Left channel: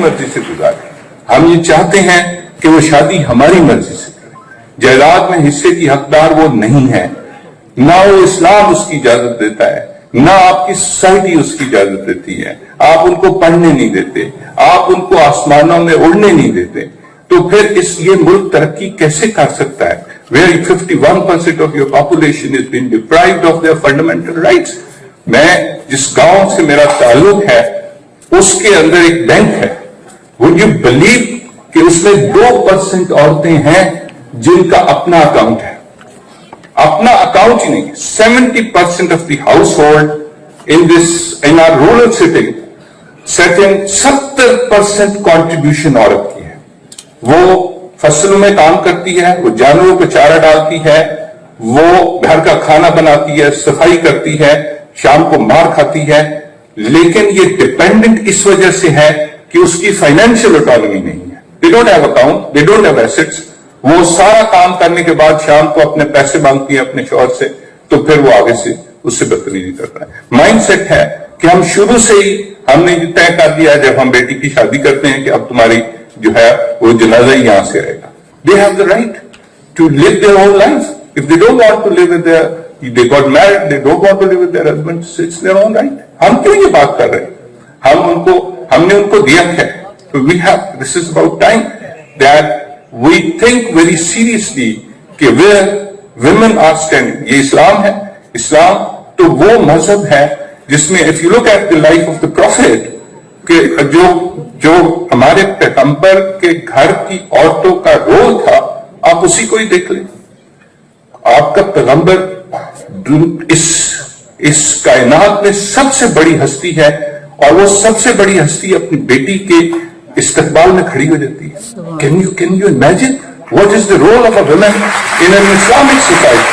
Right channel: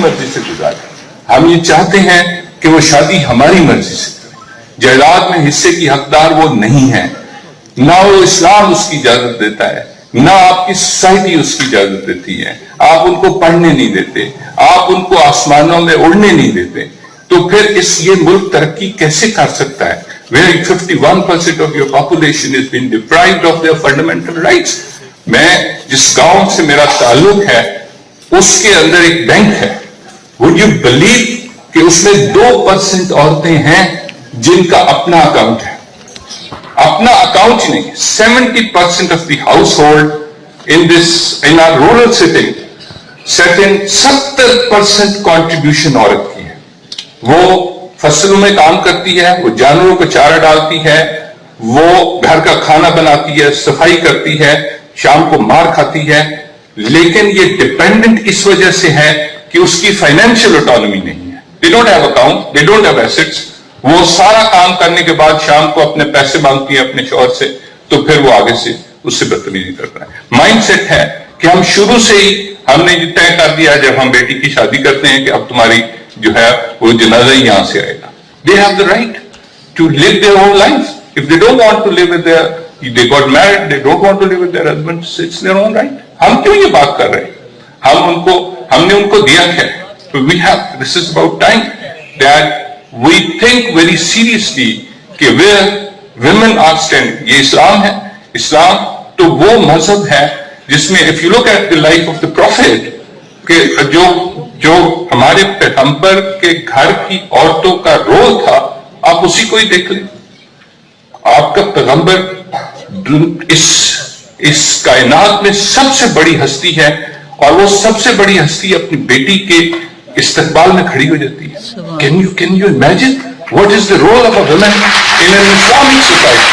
مرضی سے گزارے. ہم یہ چاہتے ہیں کہ وہ شادی ہماری مرضی سے. جائیداد میں حصے کی حقدار وہ نہیں ہے، نہ وہ اسلام اس کی اجازت دیتا ہے، نہ آپ کی سوسائٹی اس کی اجازت دیتی ہے. آپ ان کو پڑھنے نہیں دیتے، آپ ان کو آسمانوں میں اڑنے نہیں دیتے. تو پھر یہ ملک ترقی کیسے کر سکتا ہے where 51% of your population is being deprived of their fundamental rights. میں جس گاؤں سے میرا تعلق ہے اس کے اندر ایک بینک ہے. would you believe کہ اس میں 2% عورتیں ہیں جن کا اپنا اکاؤنٹ ہے. اپنا اکاؤنٹ نہیں. 70% of the household in our rural setting 70% contribution عورت کی ہے. وہ فصلوں میں کام کرتی ہے، وہ جانوروں کو چارہ ڈالتی ہے، وہ گھر کا کھانا بناتی ہے، صفائی کرتی ہے، شام کو مار کھاتی ہے. لیکن یہ ڈیپینڈنٹ اس وجہ سے ہے کہ اس کی فائنینشیل اٹانومی نہیں ہے. they don't have account, they don't have assets. وہ سارا کام کرنے کے بعد شام کو اپنے پیسے مانگتی ہے اپنے شوہر سے، تو پھر وہ آگے سے اس سے بدتمیزی کرتا ہے. مائنڈ سیٹ ہے کہ ہم شروع سے ہی ہم نے یہ طے کر دیا جب ہم بیٹی کی شادی کرتے ہیں کہ اب تمہاری جو ہے وہ جنازہ ہی یہاں سے آئے گا. They have the right to live their own lives. If they don't want to live with they got married, they don't want to live with their husbands, it's their own right. ہم کیوں یہ بات کر رہے ہیں؟ ہم نے ان کو دیا ہے. This is about time that we think very seriously کہ where women are standing. یہ اسلام ہے. اسلام تو وہ مذہب ہے جس میں if you look at the life of the prophet کہ جو ہمارے پیغمبر کے گھر کی عورتوں کا رول تھا، آپ اسی کو ہی دیکھ لیں. آپ کا پیغمبر اس کائنات میں سب سے بڑی ہستی ہے، اور وہ سب سے بڑی ہستی اپنی بیٹی کے استقبال میں کھڑی ہو جاتی ہے. Can you imagine what is the role of a woman in an Islamic society?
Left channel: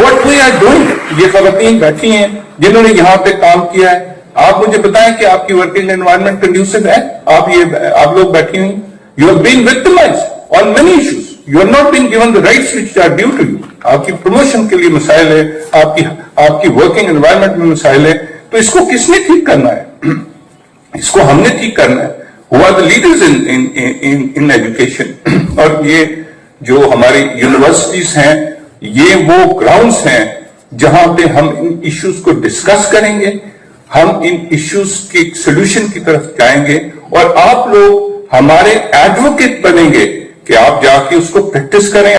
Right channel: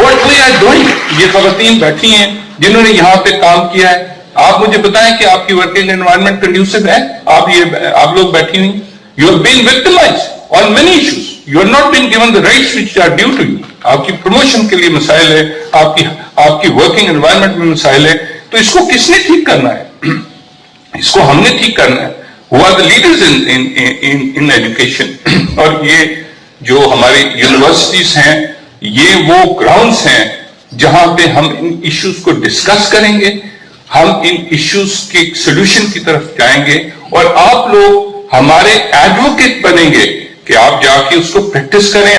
What we are doing. یہ خواتین بیٹھی ہیں جنہوں نے یہاں پہ کام کیا ہے. آپ مجھے بتائیں کہ آپ کی ورکنگ انوائرمنٹ کنڈیوسو ہے؟ آپ لوگ بیٹھی نہیں. You are being victimized on many issues. You are not being given the rights which are due to you. آپ کی پروموشن کے لیے مسائل ہے، آپ کی ورکنگ انوائرمنٹ میں مسائل ہے. تو اس کو کس نے ٹھیک کرنا ہے؟ اس کو ہم نے ٹھیک کرنا ہے. Who are the leaders in education? اور یہ جو ہماری یونیورسٹیز ہیں، یہ وہ گراؤنڈز ہیں جہاں پہ ہم ان ایشوز کو ڈسکس کریں گے، ہم ان ایشوز کے سولوشن کی طرف جائیں گے، اور آپ لوگ ہمارے ایڈوکیٹ بنیں گے کہ آپ جا کے اس کو پریکٹس کریں.